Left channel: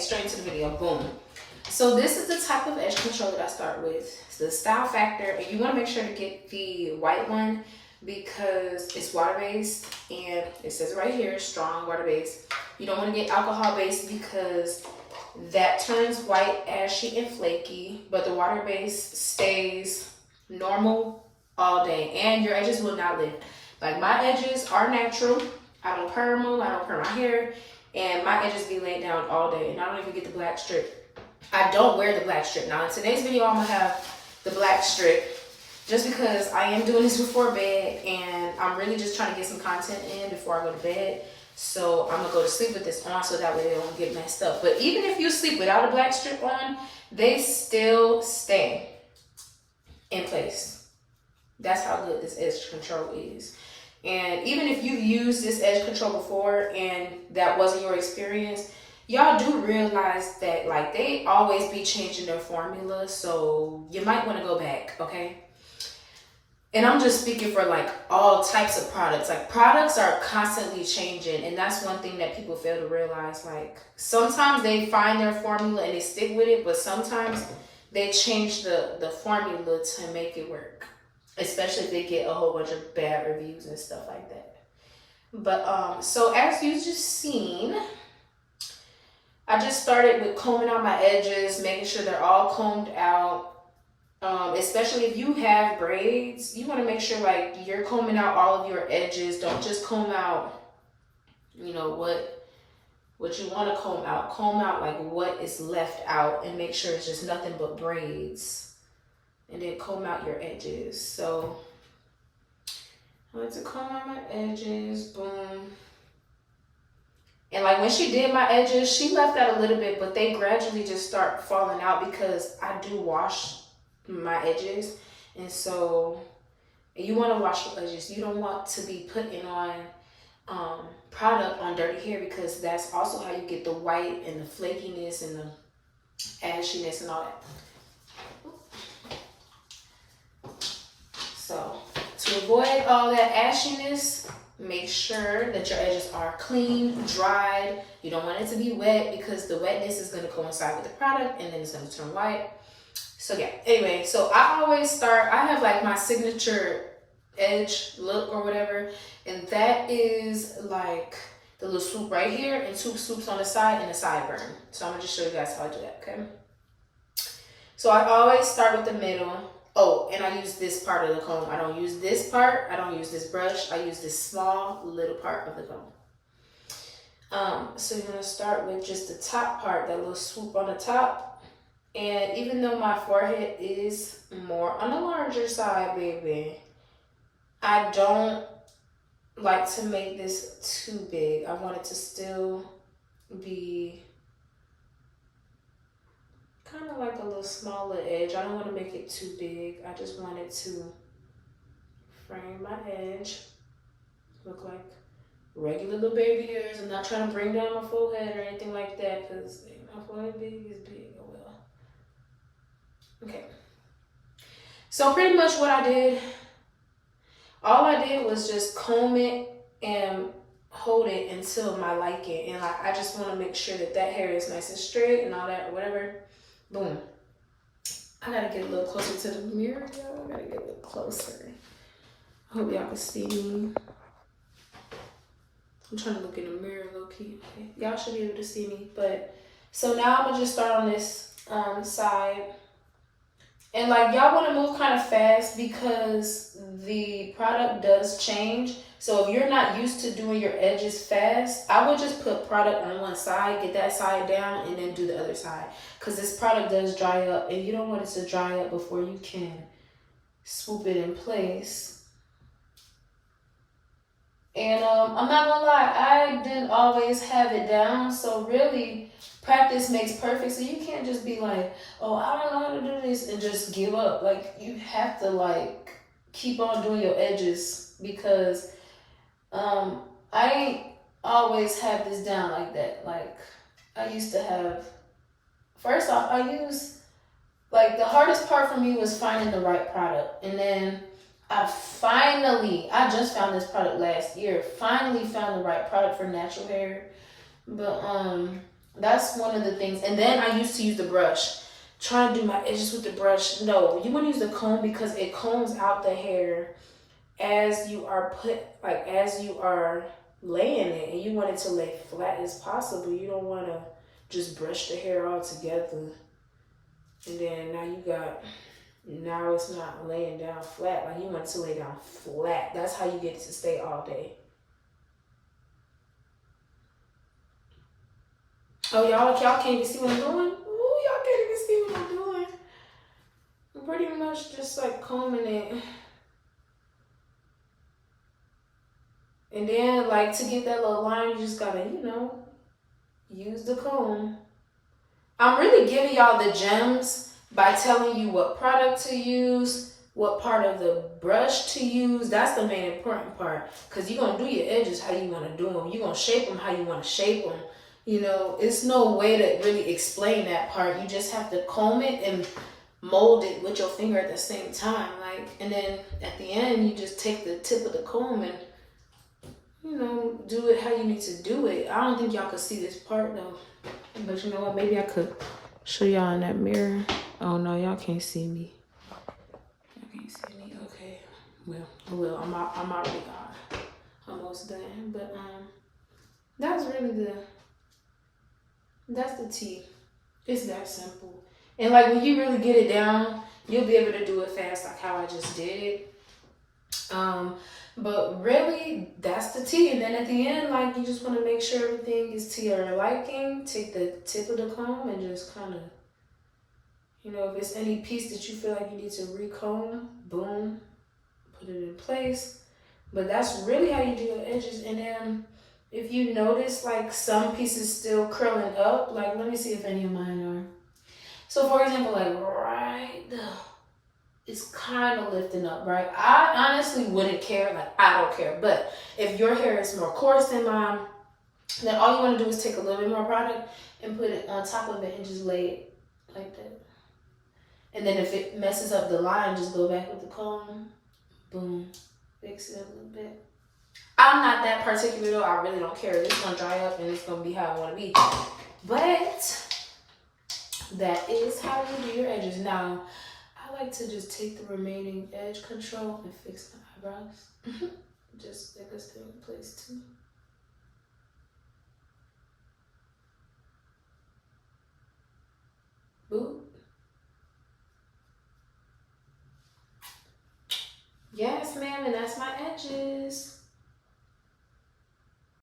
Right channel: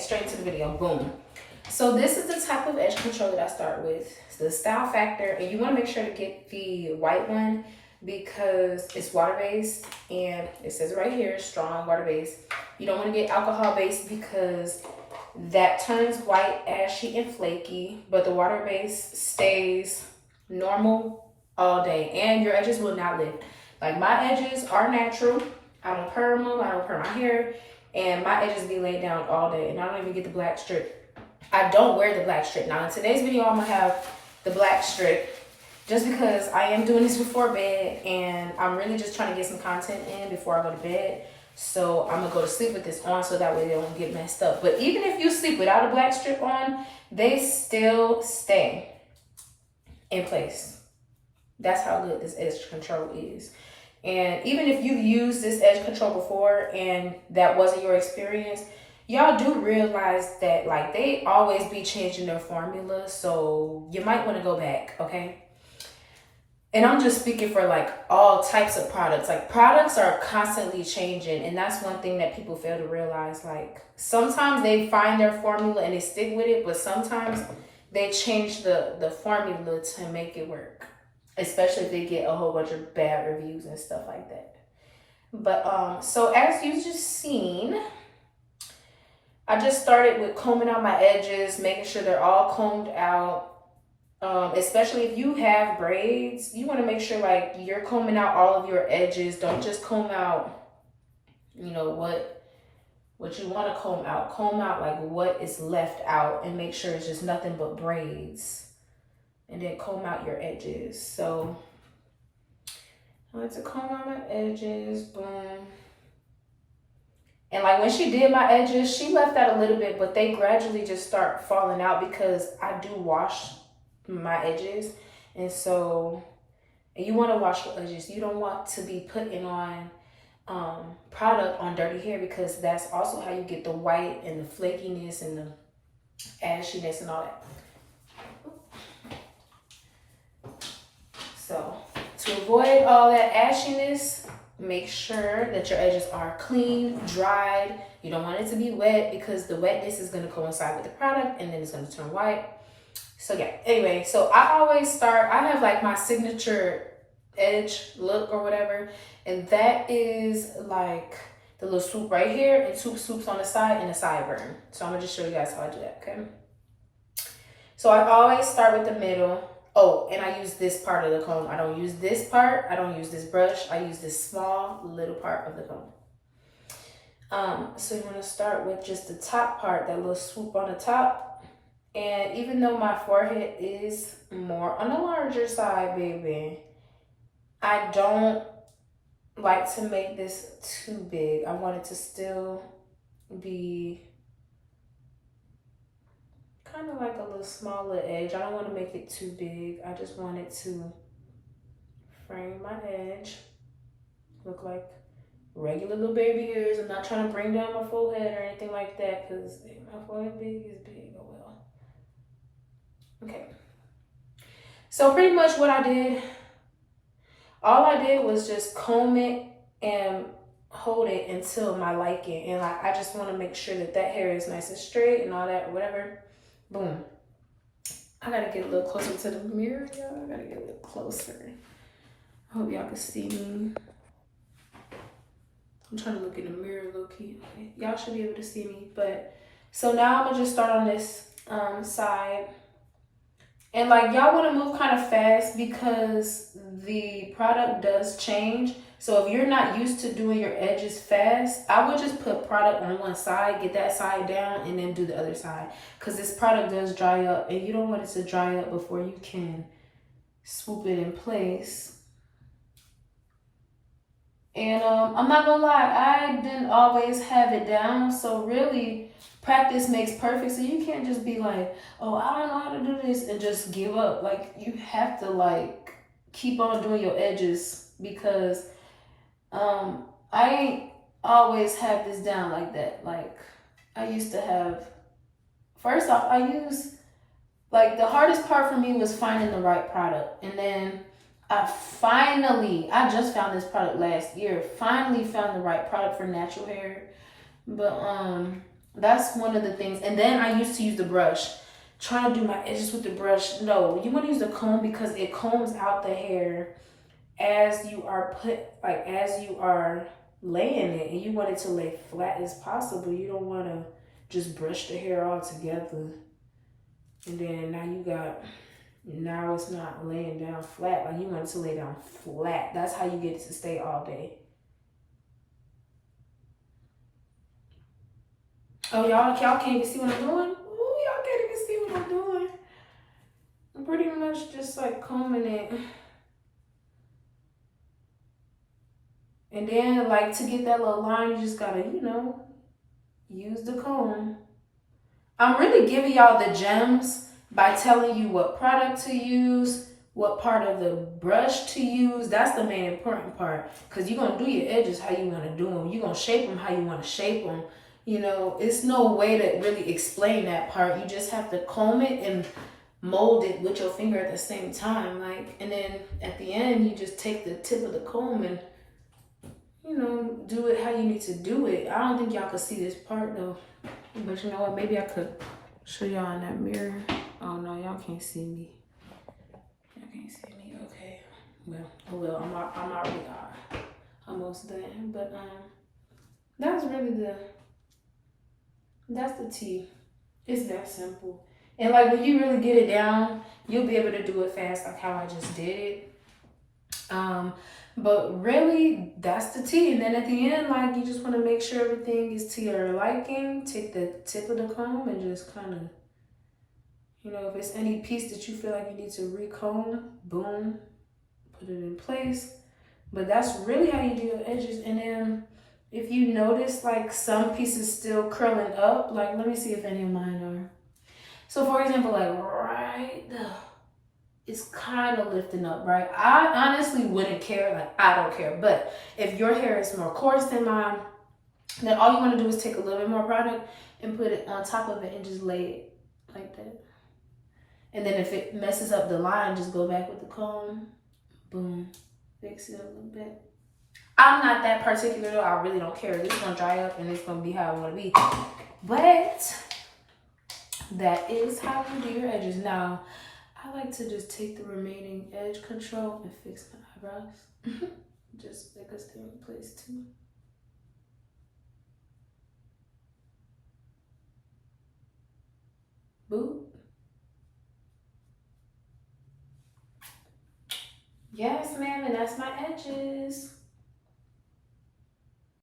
Straight into the video, boom. So this is the type of edge control that I start with. It's the Style Factor, and you want to make sure to get the white one because it's water-based, and it says right here, strong water-based. You don't want to get alcohol-based because that turns white, ashy, and flaky, but the water-based stays normal all day, and your edges will not lift. Like my edges are natural. I don't perm them, I don't perm my hair, and my edges be laid down all day, and I don't even get the black strip. I don't wear the black strip. Now in today's video, I'm gonna have the black strip just because I am doing this before bed, and I'm really just trying to get some content in before I go to bed. So I'm gonna go to sleep with this on so that way they don't get messed up. But even if you sleep without a black strip on, they still stay in place. That's how good this edge control is. And even if you've used this edge control before and that wasn't your experience, y'all do realize that like they always be changing their formula, so you might want to go back, okay? And I'm just speaking for like all types of products. Like products are constantly changing, and that's one thing that people fail to realize. Like sometimes they find their formula and they stick with it, but sometimes they change the formula to make it work, especially if they get a whole bunch of bad reviews and stuff like that. But so as you just seen, I just started with combing out my edges, making sure they're all combed out. Especially if you have braids, you want to make sure like you're combing out all of your edges. Don't just comb out, you know, what you want to comb out. Comb out like what is left out and make sure it's just nothing but braids. And then comb out your edges. So I like to comb out my edges, boom. And like when she did my edges, she left out a little bit, but they gradually just start falling out because I do wash my edges. And so you want to wash your edges. You don't want to be putting on product on dirty hair because that's also how you get the white and the flakiness and the ashiness and all that. So to avoid all that ashiness, make sure that your edges are clean, dried. You don't want it to be wet because the wetness is going to coincide with the product and then it's going to turn white. So yeah, anyway, so I always start, I have like my signature edge look or whatever, and that is like the little swoop right here and two swoops on the side and a sideburn. So I'm going to just show you guys how I do that, okay? So I always start with the middle. Oh, and I use this part of the comb. I don't use this part. I don't use this brush. I use this small little part of the comb. So you're going to start with just the top part, that little swoop on the top. And even though my forehead is more on the larger side, baby, I don't like to make this too big. I want it to still be kind of like a little smaller edge. I don't want to make it too big. I just want it to frame my edge, look like regular little baby hairs. I'm not trying to bring down my forehead or anything like that because my forehead big is big. Oh well. Okay. So pretty much what I did, all I did was just comb it and hold it until my liking. And like I just want to make sure that that hair is nice and straight and all that or whatever. Boom. I gotta get a little closer to the mirror, y'all. I gotta get a little closer. I hope y'all can see me. I'm trying to look in the mirror low key. Okay. Y'all should be able to see me. But so now I'm gonna just start on this side. And like y'all want to move kind of fast because the product does change. So if you're not used to doing your edges fast, I would just put product on one side, get that side down, and then do the other side. Because this product does dry up, and you don't want it to dry up before you can swoop it in place. And I'm not gonna lie, I didn't always have it down. So really, practice makes perfect. So you can't just be like, oh, I don't know how to do this and just give up. Like you have to like keep on doing your edges because I ain't always have this down like that. Like I used to have, first off, I used, like the hardest part for me was finding the right product. And then I just found this product last year, finally found the right product for natural hair. But That's one of the things. And then I used to use the brush. Try to do my edges with the brush. No, you want to use the comb because it combs out the hair as you are as you are laying it, and you want it to lay flat as possible. You don't want to just brush the hair all together. And then now it's not laying down flat. Like, you want it to lay down flat. That's how you get it to stay all day. Oh, y'all can't even see what I'm doing? Ooh, y'all can't even see what I'm doing. I'm pretty much just like combing it. And then, like, to get that little line, you just gotta, use the comb. I'm really giving y'all the gems by telling you what product to use, what part of the brush to use. That's the main important part, because you're going to do your edges how you want to do them. You're going to shape them how you want to shape them. It's no way to really explain that part. You just have to comb it and mold it with your finger at the same time. And then at the end, you just take the tip of the comb and, do it how you need to do it. I don't think y'all could see this part though. But you know what? Maybe I could show y'all in that mirror. Oh no, y'all can't see me. Y'all can't see me. Okay. Well, I'm already almost done. But that's really that's the tea. It's that simple. And like, when you really get it down, you'll be able to do it fast, like how I just did it. But really, that's the tea. And then at the end, like, you just want to make sure everything is to your liking. Take the tip of the comb and just kind of, if it's any piece that you feel like you need to recomb, boom, put it in place. But that's really how you do your edges. And then if you notice, like, some pieces still curling up, like, let me see if any of mine are. So for example, like right there, it's kind of lifting up, right? I honestly wouldn't care. Like, I don't care. But if your hair is more coarse than mine, then all you want to do is take a little bit more product and put it on top of it and just lay it like that. And then if it messes up the line, just go back with the comb. Boom. Fix it a little bit. I'm not that particular though. I really don't care. It's going to dry up and it's going to be how I want to be. But that is how you do your edges. Now, I like to just take the remaining edge control and fix my eyebrows. Just make us stay in place too. Boop. Yes, ma'am, and that's my edges.